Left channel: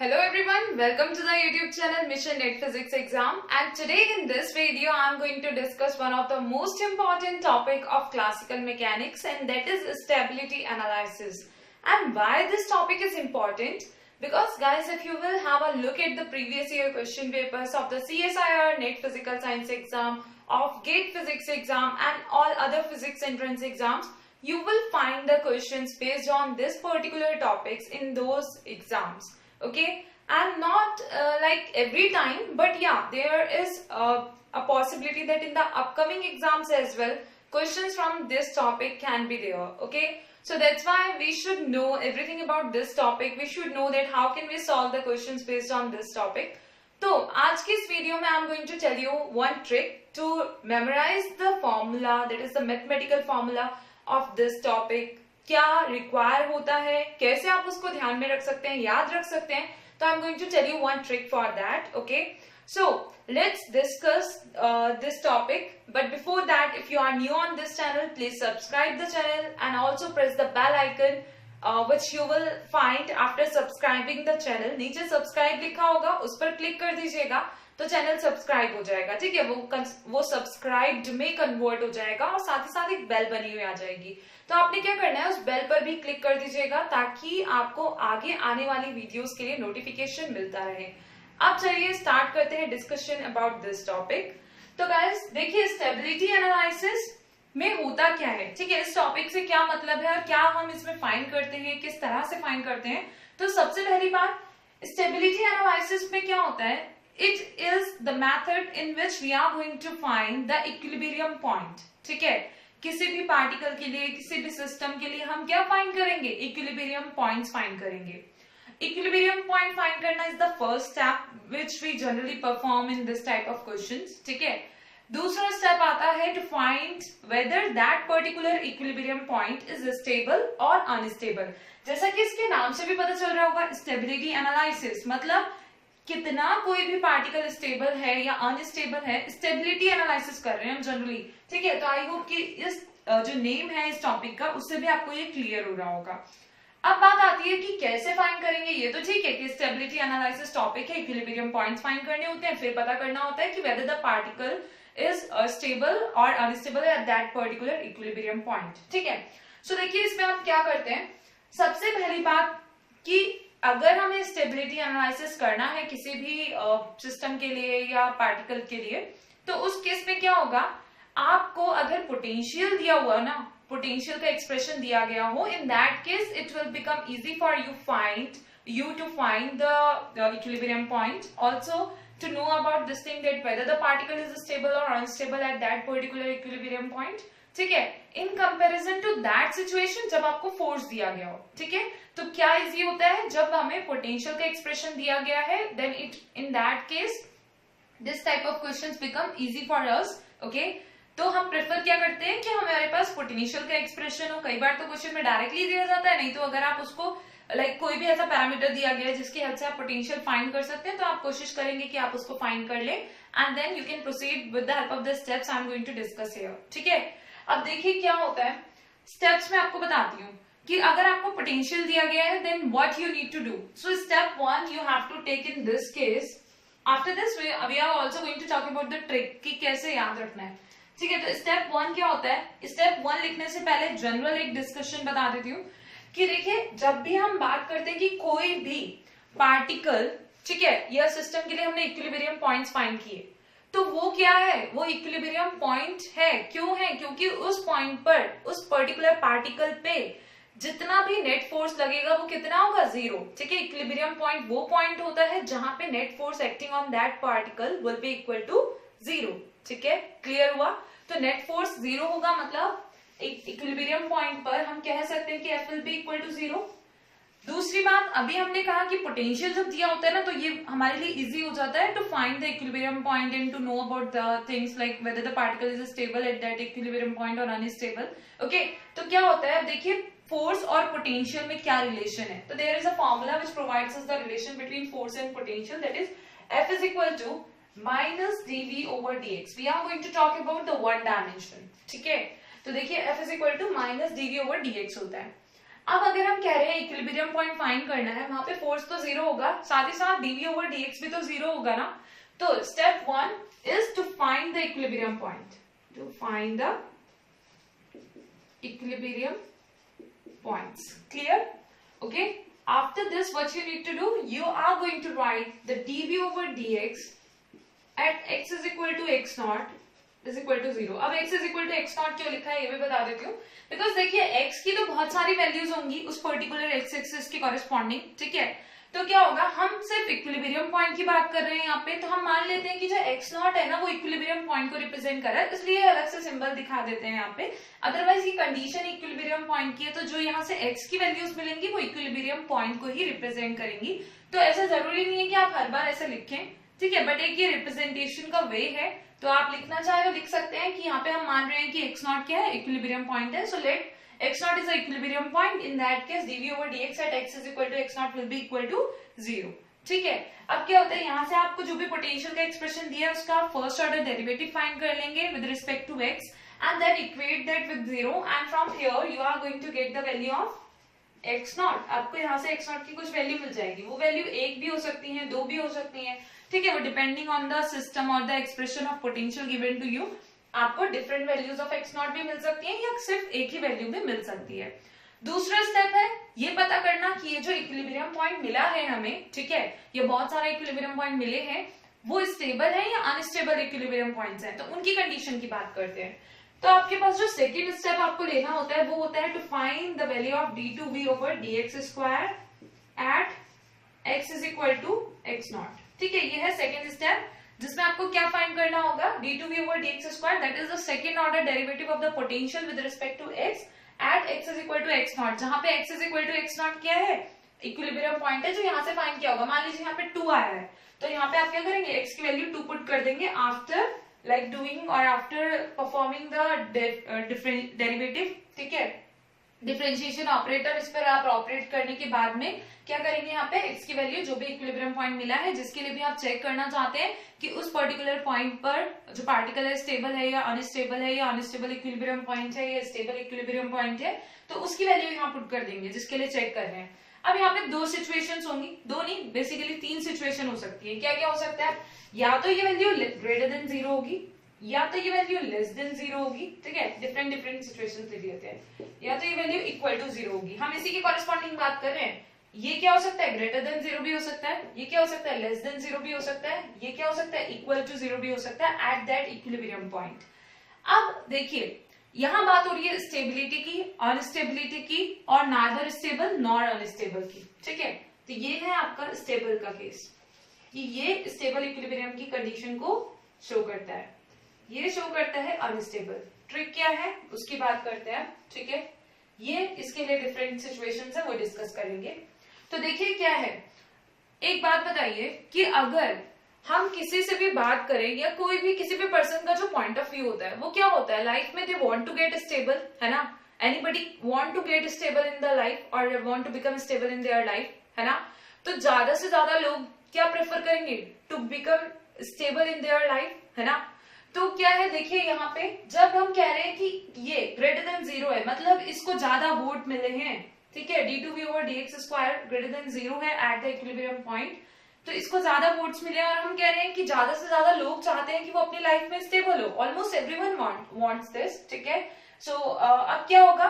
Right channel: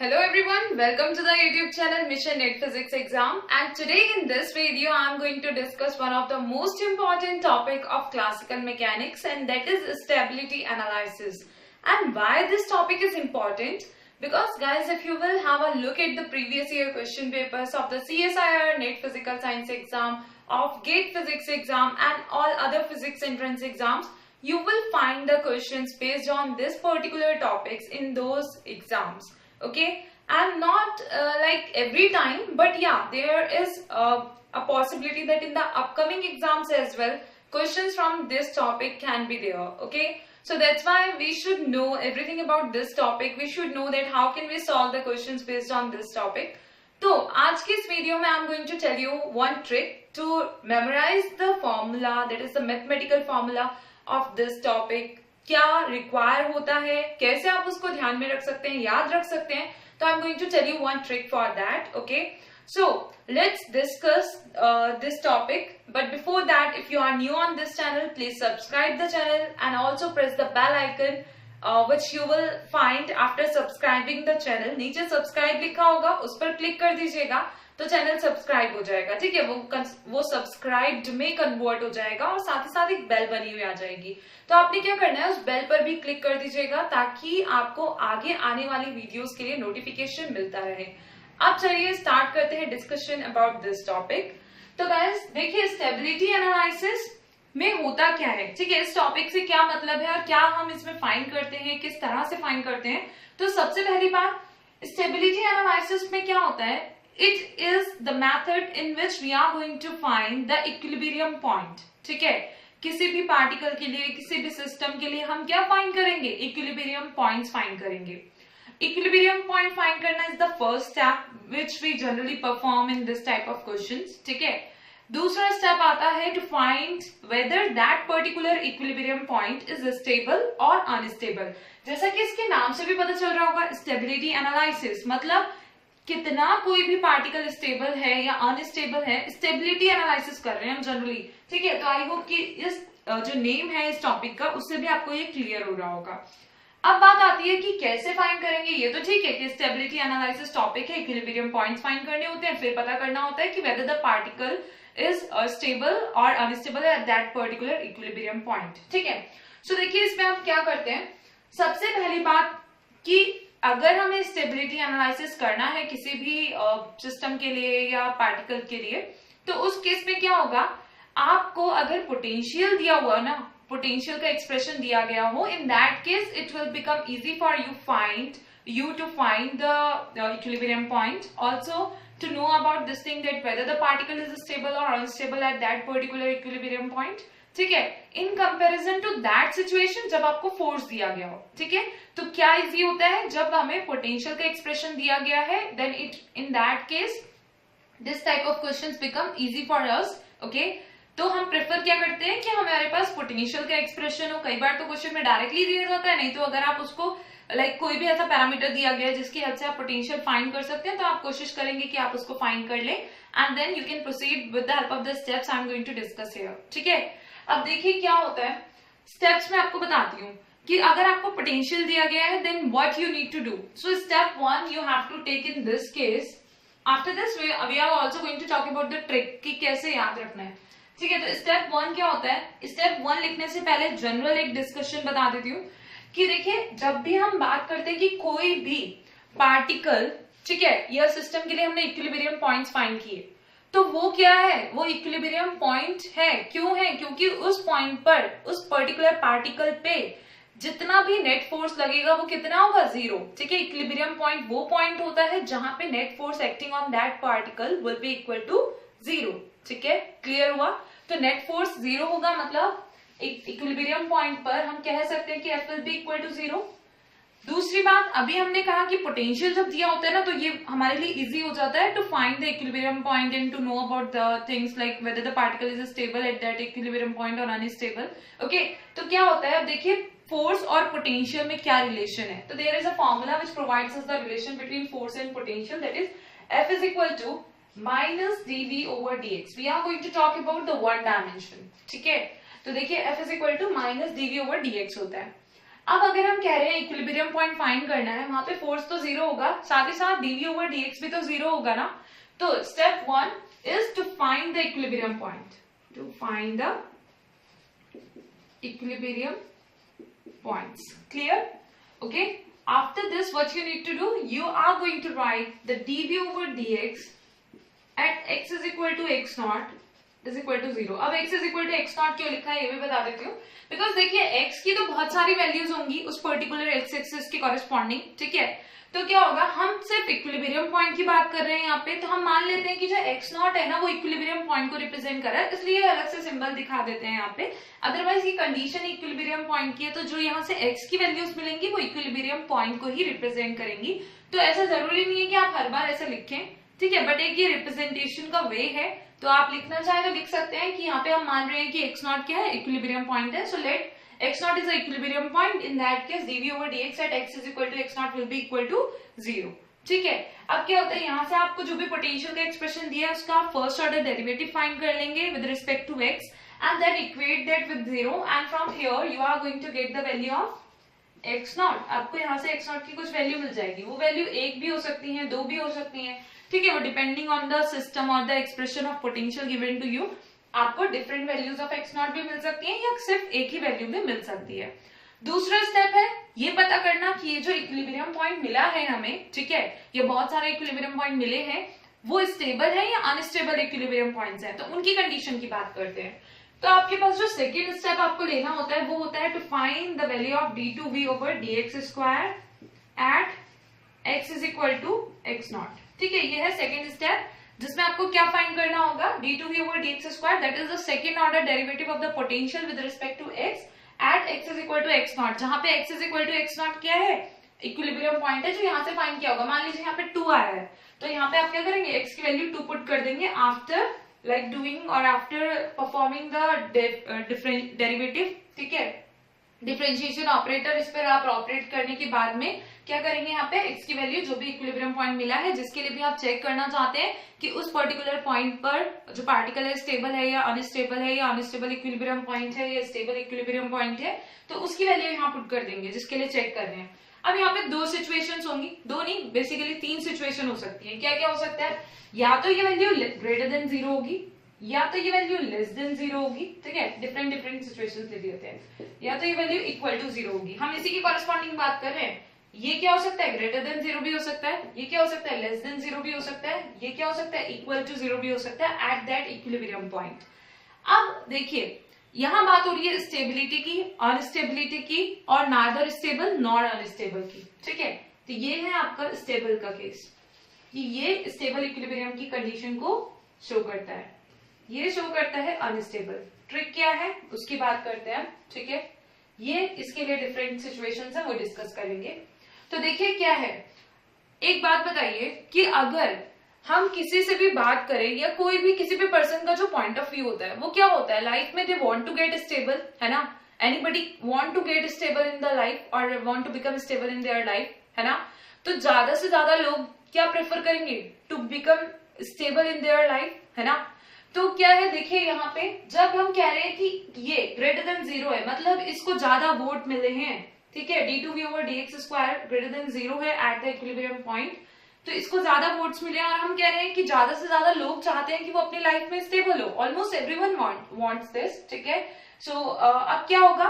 Hello everyone, welcome to the YouTube channel Mission Net Physics Exam, and today in this video I am going to discuss one of the most important topic of classical mechanics, and that is stability analysis. And why this topic is important? Because guys, if you will have a look at the previous year question papers of the CSIR NET Physical Science exam, of GATE Physics exam and all other physics entrance exams, you will find the questions based on this particular topics in those exams. Okay, and not like every time, but yeah, there is a possibility that in the upcoming exams as well questions from this topic can be there. Okay, so that's why we should know everything about this topic. We should know that how can we solve the questions based on this topic. तो आज की इस video में I am going to tell you one trick to memorise the formula, that is the mathematical formula of this topic. क्या require होता है, कैसे आप उसको ध्यान में रख सकते हैं, याद रख सकते हैं. तो I am going to tell you one trick for that. Okay, so let's discuss this topic. But before that, if you are new on this channel, please subscribe the channel and also press the bell icon which you will find after subscribing the channel. नीचे subscribe लिखा होगा, उस पर click कर दीजिएगा तो channel subscribe हो जाएगा. ठीक है, वो सब्सक्राइब्ड में कन्वर्ट हो जाएगा और साथ ही साथ एक बेल बनी हुई आ जाएगी. तो आपने क्या करना है, उस बेल पर भी क्लिक कर दीजिएगा ताकि आपको आगे आने वाली वीडियोस के लिए नोटिफिकेशन मिलता रहे. अब चलिए स्टार्ट करते हैं डिस्कशन अबाउट दिस टॉपिक. तो गाइस देखिए, स्टेबिलिटी एनालिसिस में होता क्या है. ठीक है, इस टॉपिक से क्या मतलब है और क्या हम इसमें फाइंड करते हैं, किस तरह से फाइंड करते हैं. तो सबसे पहली बात, स्टेबिलिटी एनालिसिस में क्या होता है, it is the method in which we are going to find the equilibrium point. ठीक है, किसी भी पार्टिकल के लिए, किसी भी सिस्टम के लिए हम क्या फाइंड करेंगे, इक्विलिब्रियम पॉइंट्स फाइंड करेंगे. इक्विलिब्रियम पॉइंट फाइंड करना is the first step which we generally perform in this type of questions. ठीक है, दूसरा स्टेप आता है to find whether that particular equilibrium point is stable और अनस्टेबल. जैसा कि इसके नाम से भी पता चल रहा होगा, स्टेबिलिटी एनालिसिस मतलब कितना कोई भी पार्टिकल स्टेबल है या अनस्टेबल है, स्टेबिलिटी एनालिसिस कर रहे हैं हम जनरली. ठीक है, तो आई होप कि इस जो नेम है इस टॉपिक का, उससे भी आपको ये क्लियर हो रहा होगा. अब बात आती है कि कैसे फाइंड करेंगे. ये तो ठीक है कि स्टेबिलिटी एनालिसिस टॉपिक है, इक्विलिब्रियम पॉइंट्स फाइंड करने होते हैं, फिर पता करना होता है कि weather the particle is stable or unstable at that particular equilibrium point. ठीक है, सो देखिए इसमें आप क्या करते हैं. सबसे पहली बात कि अगर हमें स्टेबिलिटी एनालिसिस करना है किसी भी सिस्टम के लिए या पार्टिकल के लिए, तो उस केस में क्या होगा, आपको अगर पोटेंशियल दिया हुआ ना, पोटेंशियल का एक्सप्रेशन दिया गया हो, इन that case it will become easy for you to find the equilibrium point. Also to know about this thing that whether the particle is stable or unstable at that particular equilibrium point. ठीक है, in comparison to that situation जब आपको force दिया गया हो. ठीक है, तो क्या इजी होता है, जब हमें पोटेंशियल का एक्सप्रेशन दिया गया है, then it in that case this type of questions become easy for us. Okay, तो हम प्रेफर क्या करते हैं कि हमारे पास पोटेंशियल का एक्सप्रेशन हो. कई बार तो क्वेश्चन में डायरेक्टली दिया जाता है, नहीं तो अगर आप उसको कोई भी ऐसा पैरामीटर दिया गया है जिसकी हेल्प से आप पोटेंशियल फाइंड कर सकते हैं, तो आप कोशिश करेंगे कि आप उसको फाइंड कर लें and then you can proceed with the help of the steps I am going to discuss here. ठीक है, अब देखिए क्या होता है, स्टेप्स में आपको बताती हूँ कि अगर आपको पोटेंशियल दिया गया है, then what you need to do. So step 1 you have to take in this case. After this we are also going to talk about the trick कि कैसे याद रखना है. ठीक है, तो स्टेप 1 क्या होता है. स्टेप 1 लिखने से पहले जनरल एक डिस्कशन बता देती हूँ कि देखिए, जब भी हम बात करते हैं कि कोई भी पार्टिकल, ठीक है, या सिस्टम के लिए हमने इक्विलिब्रियम पॉइंट्स फाइंड किए, तो वो क्या है, वो इक्विलिब्रियम पॉइंट है. क्यों है, क्योंकि उस पॉइंट पर, उस पर्टिकुलर पार्टिकल पे जितना भी नेट फोर्स लगेगा वो कितना होगा, 0. ठीक है, इक्विलिब्रियम पॉइंट वो पॉइंट होता है जहां पे net force acting on that particle will be equal to 0. ठीक है, क्लियर हुआ. तो नेट फोर्स 0 होगा, मतलब इक्विलिब्रियम पॉइंट पर हम कह सकते हैं कि F will be equal to 0. दूसरी बात, अभी हमने कहा कि पोटेंशियल जब दिया होता है ना, तो ये हमारे लिए इजी हो जाता है to find the equilibrium point and to know about the things like whether the particle is stable at that equilibrium point और अनस्टेबल. ओके, तो क्या होता है, अब देखिए फोर्स और पोटेंशियल में क्या रिलेशन है. तो there is a formula which provides us the relation between force and potential, that is F is equal to minus dV over dx. We are going to talk about the one dimension. ठीक है, तो देखिए F is equal to minus dV over dx होता है. अब अगर हम कह रहे हैं इक्विलिब्रियम पॉइंट फाइंड करना है, वहां पे फोर्स तो जीरो होगा, साथ ही साथ dv ओवर dx भी तो जीरो होगा ना। तो step 1 is to find the equilibrium point, to find the equilibrium points. Clear? Okay. After this, what you need to do, you are going to write the dv over dx at x is equal to x naught is equal to 0. अब x is equal to x naught क्यों लिखा है ये भी बता देती हूँ, because देखिए x की तो बहुत सारी वैल्यूज होंगी उस पर्टिकुलर x एक्सिस के कॉरेस्पॉन्डिंग, ठीक है। तो क्या होगा, हम सिर्फ इक्विलिब्रियम पॉइंट की बात कर रहे हैं यहाँ पे, तो हम मान लेते हैं कि जो x नॉट है ना वो इक्विलिब्रियम पॉइंट को रिप्रेजेंट कर रहा है, इसलिए अलग से सिंबल दिखा देते हैं यहाँ पे। अदरवाइज ये कंडीशन इक्विलिब्रियम पॉइंट की है, तो जो यहाँ से x की वैल्यूज मिलेंगी वो इक्विलिब्रियम पॉइंट को ही रिप्रेजेंट करेंगी। तो ऐसा जरूरी नहीं है कि आप हर बार ऐसा लिखें, ठीक है, बट एक ये रिप्रेजेंटेशन का वे है, तो आप लिखना चाहे तो लिख सकते हैं कि यहाँ पे हम मान रहे हैं कि x नॉट क्या है, इक्विलिब्रियम पॉइंट है। So let x naught is the equilibrium point. In that case, dv over dx at x is equal to x naught will be equal to 0. ठीक है। अब क्या होता है, यहाँ से आपको जो भी पोटेंशियल का एक्सप्रेशन दिया है उसका फर्स्ट ऑर्डर डेरिवेटिव फाइंड कर लेंगे with respect to x and then equate that with 0 and from here you are going to get the value of x naught. आपको यहाँ से x naught की कुछ वैल्यू मिल जाएगी, वो वैल्यू एक भी हो सकती है, दो भी हो सकती है, ठीक है, वो डिपेंडिंग ऑन द सिस्टम और the expression of potential given to you. आपको different values of x naught भी मिल सकती है या सिर्फ एक ही वैल्यू में मिल सकती है। दूसरा स्टेप है ये पता करना कि ये जो इक्विलिब्रियम पॉइंट मिला है हमें, ठीक है, ये बहुत सारे इक्विलिब्रियम पॉइंट मिले हैं, वो स्टेबल है या अनस्टेबल इक्विलिब्रियम पॉइंट्स हैं, तो उनकी कंडीशन की बात करते हैं। तो आपके पास जो सेकेंड स्टेप आपको लेना होता है वो होता है to find the value of d2v over dx square at x is equal to x naught, ठीक है, ये है सेकेंड स्टेप जिसमें आपको क्या फाइंड करना होगा, d2v over dx square, that is the second order derivative of the potential with respect to x at x is equal to x naught, जहां पे x is equal to x naught क्या है, equilibrium point है, जो यहाँ से find किया होगा। मान लीजिए यहाँ पे 2 आया है, तो यहाँ पे आप क्या करेंगे, x की वैल्यू 2 पुट कर देंगे आफ्टर लाइक डूइंग और after performing the different derivative, ठीक है, डिफरेंशिएशन ऑपरेटर इस पर आप ऑपरेट करने के बाद में क्या करेंगे, यहाँ पे x की वैल्यू जो भी इक्विलिब्रियम पॉइंट मिला है, जिसके लिए भी आप चेक करना चाहते हैं कि उस पर्टिकुलर पॉइंट पर जो पार्टिकल है स्टेबल है या अनस्टेबल इक्विलिब्रियम पॉइंट है या स्टेबल इक्विलिब्रियम पॉइंट है, तो उसकी वैल्यू यहाँ पुट कर देंगे जिसके लिए चेक कर रहे हैं। अब यहाँ पे दो सिचुएशंस होंगी, दो नहीं बेसिकली 3 सिचुएशन हो सकती है। क्या क्या हो सकता है, या तो ये वैल्यू ग्रेटर देन 0 होगी, या तो ये वैल्यू लेस देन 0 होगी, ठीक है, डिफरेंट सिचुएशंस लिख लेते हैं, या तो ये वैल्यू इक्वल टू 0 होगी। हम इसी की कॉरेस्पॉन्डिंग बात कर रहे हैं। ये क्या हो सकता है, ग्रेटर देन 0 भी हो सकता है, ये क्या हो सकता है, लेस देन 0 भी हो सकता है, ये क्या हो सकता है, इक्वल टू 0 भी हो सकता है एट दैट इक्विलिब्रियम पॉइंट। अब देखिए यहां बात हो रही है स्टेबिलिटी की, अनस्टेबिलिटी की और नाइदर स्टेबल नॉर अनस्टेबल की, ठीक है। तो ये है आपका स्टेबल का केस कि ये स्टेबल इक्विलिब्रियम की कंडीशन को शो करता है, ये शो करता है अनस्टेबल। ट्रिक क्या है उसकी बात करते हैं, ठीक है, ये इसके लिए डिफरेंट सिचुएशंस है वो डिस्कस करेंगे। तो देखिए क्या है, एक बात बताइए कि अगर हम किसी से भी बात करें या कोई भी किसी भी पर्सन का जो पॉइंट ऑफ व्यू होता है वो क्या होता है, लाइफ में they want to get stable, है ना, anybody want to get stable in the life और want to become stable in their life, है ना। तो ज्यादा से ज्यादा लोग क्या प्रेफर करेंगे, to become stable in their life, है ना। तो क्या है देखिए यहाँ पे जब हम कह रहे हैं कि ये ग्रेटर देन 0 है, मतलब इसको ज्यादा वोट मिले हैं, ठीक है, d2v over dx square greater than 0 है एट द इक्विलिब्रियम पॉइंट, तो इसको ज्यादा वोट्स मिले और हम कह रहे हैं कि ज्यादा से ज्यादा लोग चाहते हैं कि वो अपनी लाइफ में स्टेबल हो, ऑलमोस्ट एवरीवन वांट्स दिस, ठीक है। सो अब क्या होगा,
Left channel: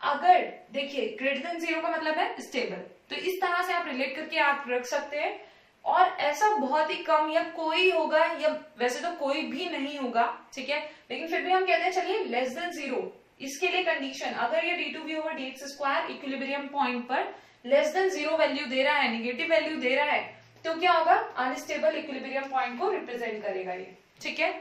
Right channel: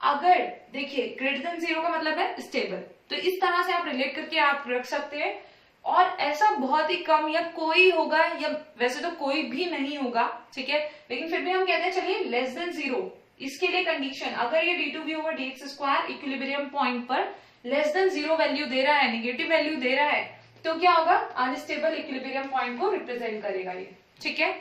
अगर देखिए ग्रेटर देन 0 का मतलब है स्टेबल, तो इस तरह से आप रिलेट करके आप रख सकते हैं। और ऐसा बहुत ही कम या कोई होगा, या वैसे तो कोई भी नहीं होगा, ठीक है, लेकिन फिर भी हम कहते हैं चलिए लेस देन 0, इसके लिए कंडीशन अगर ये d2v over dx square equilibrium point पर लेस देन 0 वैल्यू दे रहा है, नेगेटिव वैल्यू दे रहा है, तो क्या होगा, अनस्टेबल इक्विलिब्रियम पॉइंट को रिप्रेजेंट करेगा ये, ठीक है।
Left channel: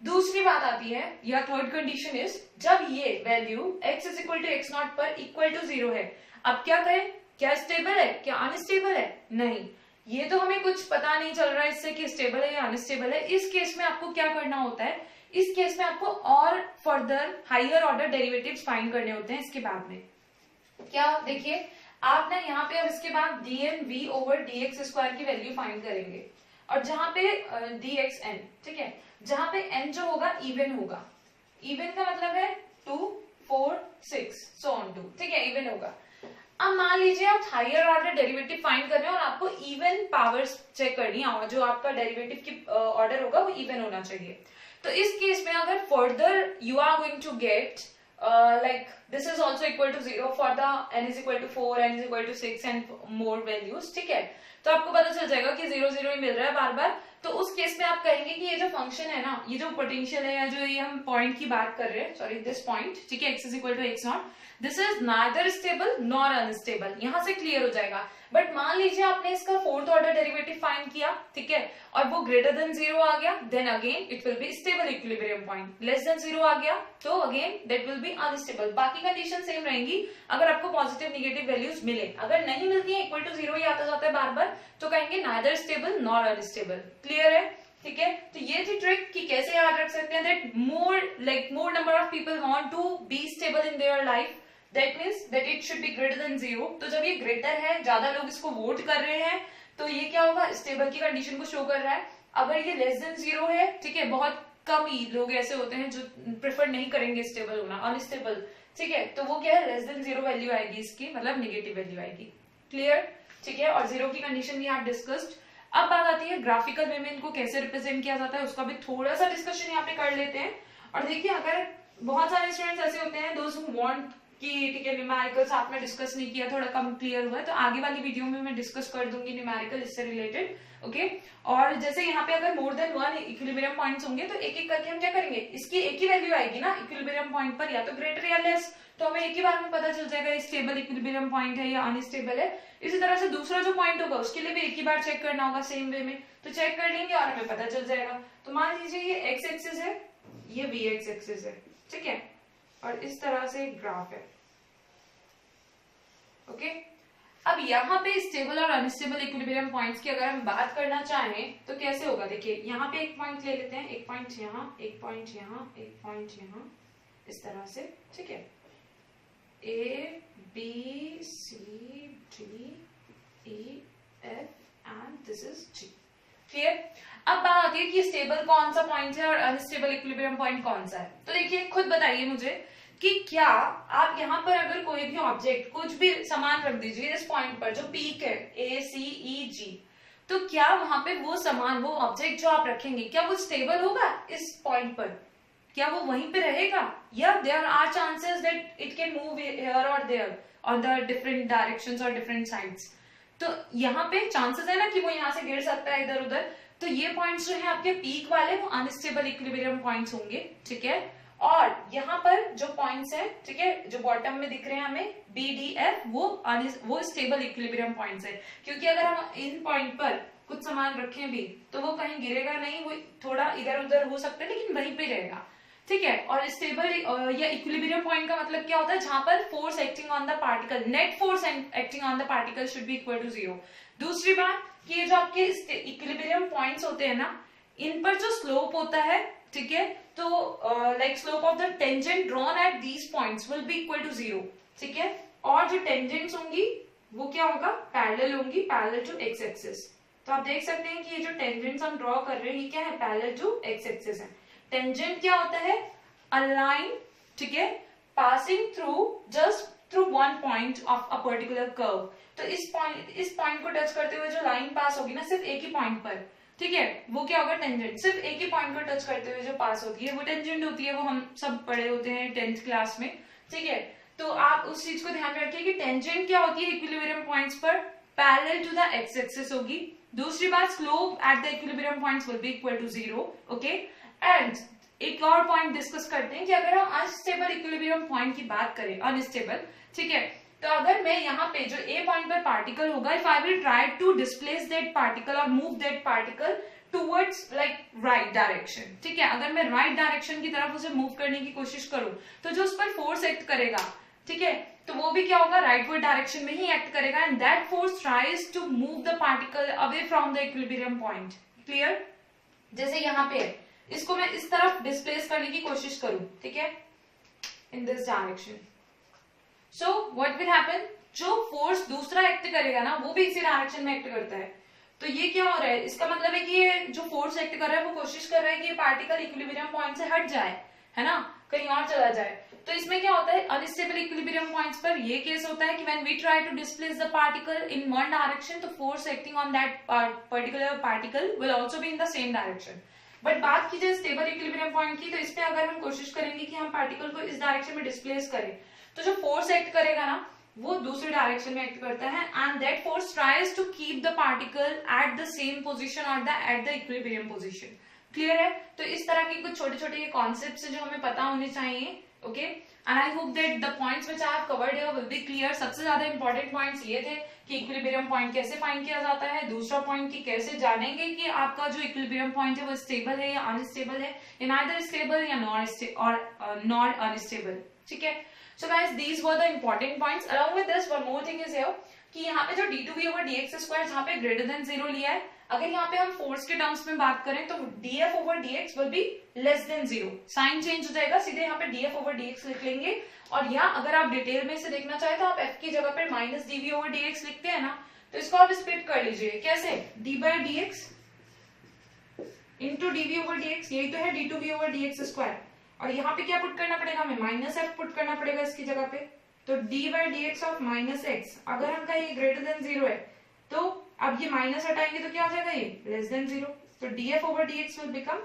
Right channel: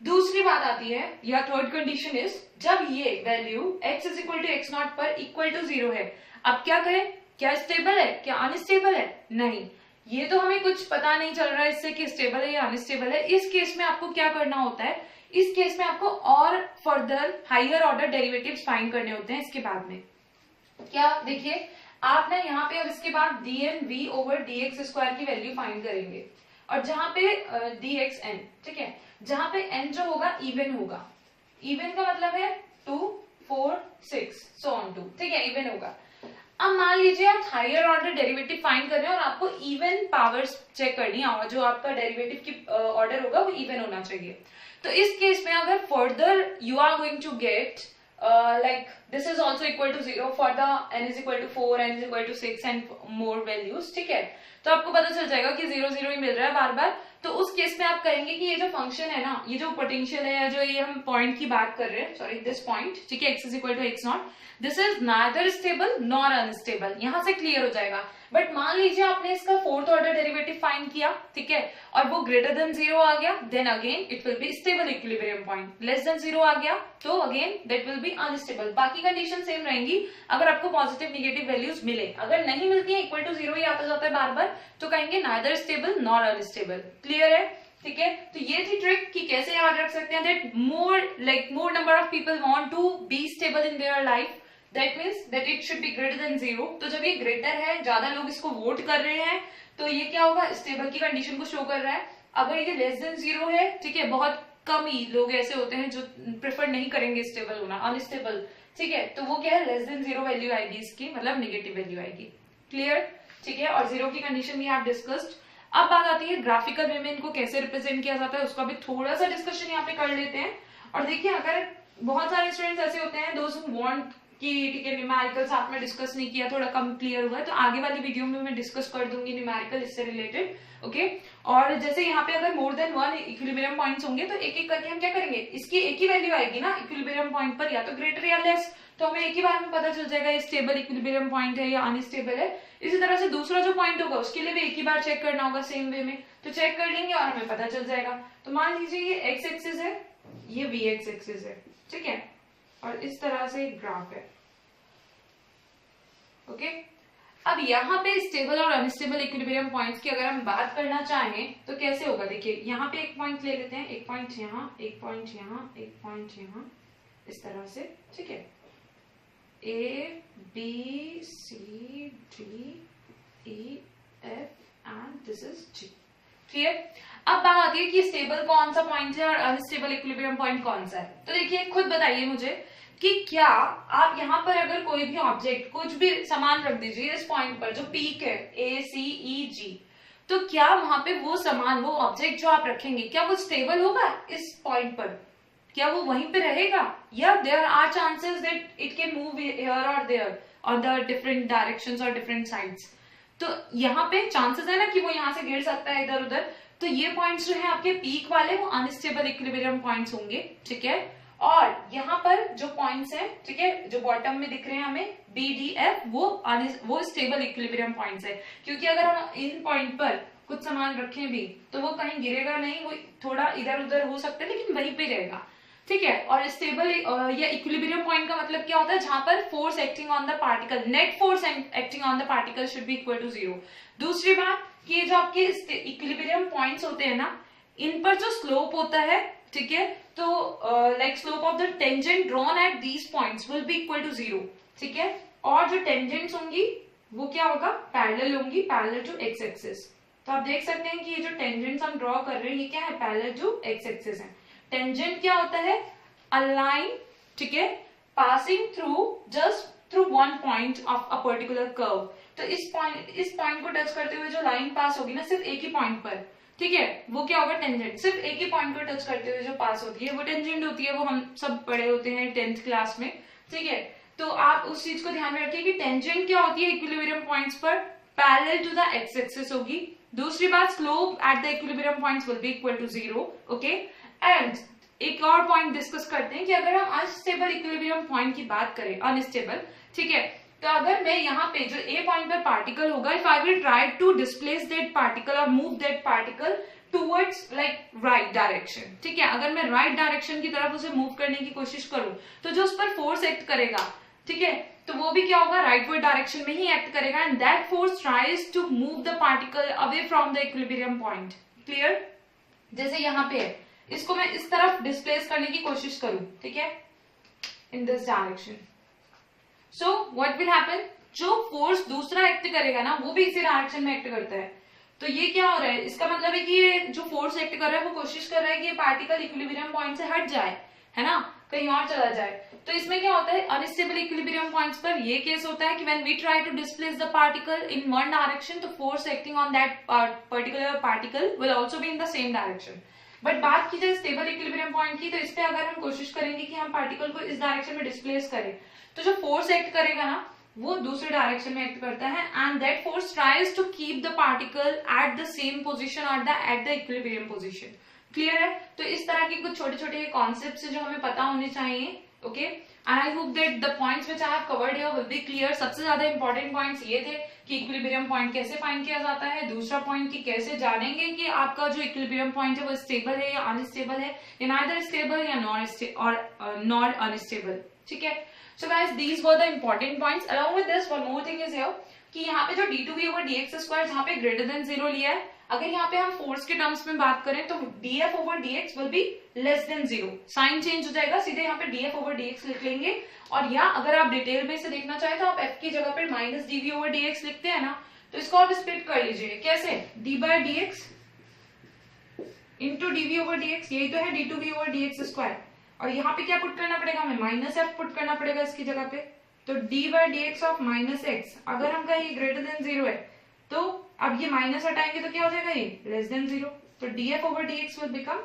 दूसरी बात आती है या थर्ड कंडीशन इज जब ये value x is equal to x naught पर इक्वल टू 0 है। अब क्या करें, क्या स्टेबल है क्या अनस्टेबल है, नहीं, ये तो हमें कुछ पता नहीं चल रहा है इससे कि स्टेबल है या अनस्टेबल है। इस केस में आपको क्या करना होता है, इस केस में आपको और further higher order derivatives find करने होते हैं। इसके बाद में क्या देखिए आप ना यहाँ पे अब इसके बाद dnv ओवर dx स्क्वायर की वैल्यू फाइंड करेंगे और जहां पे dxn, ठीक है, जहां पे n जो होगा इवन होगा, इवन का मतलब है 2 4 6 सो ऑन टू, ठीक है, इवन होगा। अब मान लीजिए आप हायर ऑर्डर डेरिवेटिव फाइंड कर रहे हैं और आपको इवन पावर्स चेक करनी है और जो आपका डेरिवेटिव की ऑर्डर होगा वो इवन होना चाहिए। तो इस केस में अगर further you are going to get like this is also equal to 0 for the n is equal to 4, n is equal to 6 and more values, ठीक है। तो आपको पता चल जाएगा कि 0 0 ही मिल रहा है बार बार। तो उस केस में आप कहेंगे कि ये जो फंक्शन है ना, ये जो पोटेंशियल है या जो ये हम पॉइंट की बात कर रहे हैं, सॉरी दिस पॉइंट, ठीक है, x is equal to x0, this is neither stable nor unstable. यहां से क्लियर हो जाएगा। बट मान लीजिए आपने इसका फोर्थ ऑर्डर डेरिवेटिव फाइंड किया, ठीक है, और वो ग्रेटर देन 0 आ गया, then again it will be stable equilibrium point. Less than 0 आ गया तो again that will be unstable. बाकी कंडीशन सेम रहेंगी अगर आपको पॉजिटिव नेगेटिव वैल्यूज मिले। अगर नहीं मिलती है, इक्वल टू 0 ही आता जाता है बार बार, तो कहेंगे neither stable nor unstable. Clear है, ठीक है। तो ये थी ट्रिक कि कैसे याद रख सकते हैं that more number of people want to be stable in their life, that means that it should be greater than 0। तो जब ये ग्रेटर है, ज्यादा लोग इसको वोट कर रहे हैं, तो ये क्या होगा, स्टेबल की कंडीशन को शो कर रहा है। अगर ये लेस देन 0 है, ठीक है, बहुत कम ही लोग ऐसे होते हैं जो प्रेफर नहीं करेंगे स्टेबल होना, अनस्टेबल, ठीक है, तो वो क्या है, लेस देन 0 वैल्यू आएगी इसकी, मतलब नेगेटिव वैल्यू आएगी। क्लियर, ठीक है। और 0 की कंडीशन भी आप डिस्कस्ड। अब बात आती है ग्राफिकल वे में इनको कैसे रिप्रेजेंट किया जाता है, उसका भी थोड़ा सा डिस्कशन यहाँ पे कर लेते हैं। और देखिए, अगर बहुत सारे स्टूडेंट्स ऐसे होते हैं दोज हु वांट कि ठीक है न्यूमेरिकल साथ में डिस्कस नहीं किया, थोड़ा कम क्लियर हुआ है, तो आगे वाली वीडियो में मैं डिस्कस कर दूंगी न्यूमेरिकल इससे रिलेटेड, ओके। और जैसे यहाँ पे अगर मोर देन 1 इक्विलिब्रियम पॉइंट्स होंगे तो एक एक करके हम क्या करेंगे, इसकी एक ही वैल्यू आएगी ना इक्विलिब्रियम पॉइंट पर, या तो ग्रेटर या लेस, तो हमें एक ही बार में पता चल जाएगा स्टेबल इक्विलिब्रियम पॉइंट है या अनस्टेबल है। इसी तरह से दूसरा जो पॉइंट होगा उसके लिए भी एक ही बार चेक करना होगा सेम वे में, तो चेक कर लेंगे और हमें पता चल जाएगा। तो मान लीजिए ये एक्स एक्सिस है, ये वी एक्स एक्सिस है, ठीक है, और इस तरह से ग्राफ है, ओके। अब यहाँ पे स्टेबल और अनस्टेबल इक्विलिब्रियम पॉइंट्स की अगर हम बात करना चाहें तो कैसे होगा, देखिए यहाँ पे एक पॉइंट ले लेते हैं, एक पॉइंट यहाँ, एक पॉइंट यहाँ, एक पॉइंट यहाँ, इस तरह से, ठीक है, A B C D E F and this is G. Clear. अब बात आती है कि स्टेबल कौन सा पॉइंट है और अनस्टेबल इक्विलिब्रियम पॉइंट कौन सा है। तो देखिए, खुद बताइए मुझे कि क्या आप यहाँ पर अगर कोई भी ऑब्जेक्ट, कुछ भी सामान रख दीजिए इस पॉइंट पर जो पीक है ए सी ई जी, तो क्या वहां पे वो सामान, वो ऑब्जेक्ट जो आप रखेंगे, क्या वो स्टेबल होगा इस पॉइंट पर, क्या वो वहीं पे रहेगा, या there are chances that it can move here और देयर और द डिफरेंट डायरेक्शंस और डिफरेंट साइड्स। तो यहाँ पे चांसेस है ना कि वो यहाँ से गिर सकता है इधर उधर। तो ये पॉइंट्स जो है आपके पीक वाले, वो अनस्टेबल इक्विलिब्रियम पॉइंट्स होंगे, ठीक है। और यहाँ पर जो पॉइंट्स हैं, ठीक है, जो बॉटम में दिख रहे हैं हमें बी डी एफ, वो स्टेबल इक्विलिब्रियम पॉइंट्स है, क्योंकि अगर हम इन पॉइंट पर कुछ सामान रखें भी तो वो कहीं गिरेगा नहीं, वो थोड़ा इधर उधर हो सकता है लेकिन वहीं पे रहेगा, ठीक है। और स्टेबल या इक्विलिब्रियम पॉइंट का मतलब क्या होता है, जहां पर force acting on the particle, net force acting on the particle should be equal to 0। दूसरी बात कि ये जो आपके इक्विलिब्रियम पॉइंट्स होते हैं ना, इन पर जो स्लोप होता है, ठीक है, तो like slope of the tangent drawn at these points will be equal to 0, ठीक है। और जो टेंजेंट्स होंगी वो क्या होगा, पैरेलल होंगी, पैरेलल टू एक्स एक्सिस। तो आप देख सकते हैं कि ये जो टेंजेंट्स हम ड्रॉ कर रहे हैं ये क्या है, पैरेलल टू एक्स एक्सिस है। टेंजेंट क्या होता है, अ लाइन, ठीक है, passing through just through one point of a particular curve. तो इस पॉइंट को टच करते हुए जो लाइन पास होगी ना सिर्फ एक ही पॉइंट पर, ठीक है, वो क्या होगा, टेंजेंट। सिर्फ एक ही पॉइंट को टच करते हुए जो पास होती है वो टेंजेंट होती है, वो हम सब पढ़े होते हैं 10th क्लास में, ठीक है। तो आप उस चीज को ध्यान में रखिए कि टेंजेंट क्या होती है इक्विलिब्रियम पॉइंट्स पर, parallel to the X axis होगी। दूसरी बात, slope at the equilibrium points will be equal to 0, okay. And एक और पॉइंट डिस्कस करते हैं कि अगर हम अनस्टेबल इक्विलिब्रियम पॉइंट की बात करें, अनस्टेबल, ठीक है, तो अगर मैं यहाँ पे जो ए पॉइंट पर पार्टिकल होगा, if I will try to displace that particle और move that particle towards like right direction, ठीक है, अगर मैं राइट डायरेक्शन की तरफ उसे मूव करने की कोशिश करूं तो जो उस पर फोर्स एक्ट करेगा, ठीक है, तो वो भी क्या होगा, राइटवर्ड डायरेक्शन में ही एक्ट करेगा, and that force tries to move the particle away from the equilibrium point. Clear. जैसे यहाँ पे है, इसको मैं इस तरफ डिस्प्लेस करने की कोशिश करूं, ठीक है, in this direction, so what will happen, जो फोर्स दूसरा एक्ट करेगा ना वो भी इसी डायरेक्शन में एक्ट करता है। तो ये क्या हो रहा है, इसका मतलब है कि ये जो फोर्स एक्ट कर रहा है वो कोशिश कर रहा है कि ये पार्टिकल इक्विलिब्रियम पॉइंट से हट जाए, है ना। कहीं और चला जाए। तो इसमें क्या होता है, अनस्टेबल इक्विलिब्रियम पॉइंट्स पर ये केस होता है कि when we try to displace the particle in one direction, तो force acting on that particular particle will also be in the same direction. But बात की जाए स्टेबल इक्विलिब्रियम पॉइंट की, तो इस पे अगर हम कोशिश करेंगे कि हम पार्टिकल को इस डायरेक्शन में डिस्प्लेस करें, तो जो फोर्स एक्ट करेगा ना वो दूसरे डायरेक्शन में एक्ट करता है, and that force tries to keep the particle at the same position और at the equilibrium position. Clear है? तो इस तरह की कुछ छोटे छोटे कॉन्सेप्ट्स जो हमें पता होने चाहिए। Okay, and I hope that the points which I have covered here will be clear. सबसे ज्यादा इंपॉर्टेंट पॉइंट्स ये थे कि इक्विलिब्रियम पॉइंट कैसे फाइंड किया जाता है, दूसरा पॉइंट कि कैसे जानेंगे कि आपका जो इक्विलिब्रियम पॉइंट है वो स्टेबल है या अनस्टेबल है, या नाइदर स्टेबल या नॉट अनस्टेबल। ठीक है, so guys these were the important points. Along with this one more thing is here कि यहाँ पे जो d2v over dx स्क्वायर जहाँ पे ग्रेटर देन 0 लिया है, अगर यहाँ पे हम फोर्स के टर्म्स में बात करें तो df over dx will be less than 0, sign change हो जाएगा, सीधे यहाँ पे df over dx लिख लेंगे। और या अगर आप डिटेल में से देखना चाहे तो आप f की जगह पे माइनस dv over dx लिखते हैं ना, तो इसको आप स्प्लिट कर लीजिए। कैसे? d by dx into dv over dx, यही तो है d2v over dx स्क्वायर। और यहाँ पे क्या पुट करना पड़ेगा हमें? माइनस एफ पुट करना पड़ेगा इसकी जगह पे। तो D by D x of minus x, अगर हम कहें ग्रेटर देन 0 है तो अब ये माइनस हटाएंगे तो क्या हो जाएगा? ये लेस देन 0। तो D F over D x will become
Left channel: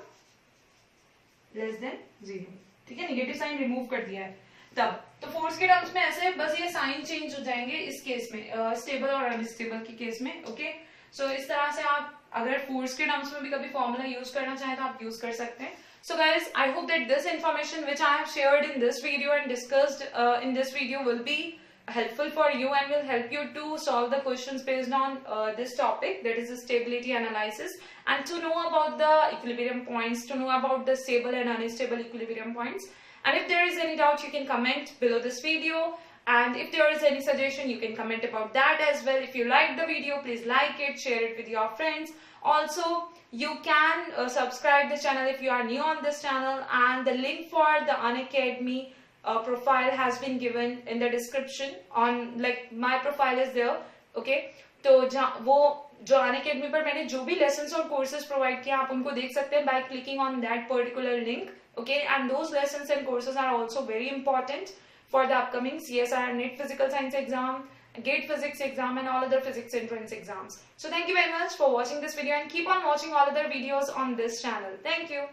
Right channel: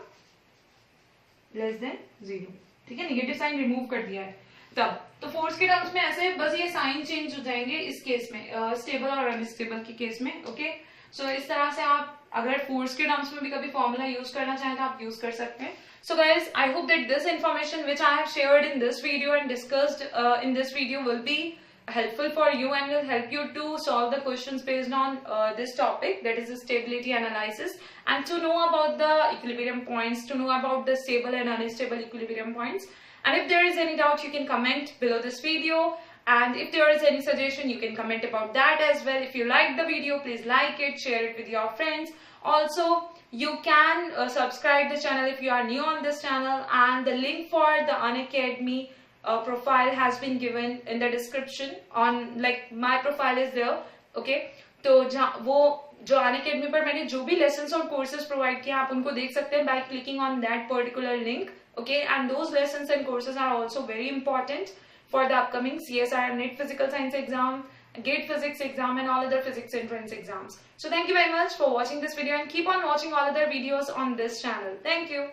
less than 0। ठीक है, निगेटिव साइन रिमूव कर दिया है तब। तो फोर्स के टर्म्स में ऐसे बस ये साइन चेंज हो जाएंगे इस केस में, स्टेबल और अनस्टेबल की केस में। ओके, सो इस तरह से आप अगर फोर्स के टर्म्स में भी कभी फॉर्मूला यूज करना चाहें तो आप यूज कर सकते हैं। So guys, I hope that this information which I have shared in this video and discussed in this video will be helpful for you and will help you to solve the questions based on this topic, that is stability analysis, and to know about the equilibrium points, to know about the stable and unstable equilibrium points. And if there is any doubt, you can comment below this video. And if there is any suggestion, you can comment about that as well. If you like the video, please like it, share it with your friends. Also, you can subscribe the channel if you are new on this channel, and the link for the Unacademy profile has been given in the description. On like my profile is there. Okay, तो वो जो Unacademy पर मैंने जो भी lessons और courses provide किया आप उनको देख सकते हैं by clicking on that particular link. Okay, and those lessons and courses are also very important for the upcoming CSIR NET Physical Science exam, GATE Physics exam, and all other physics entrance exams. So thank you very much for watching this video, and keep on watching all other videos on this channel. Thank you.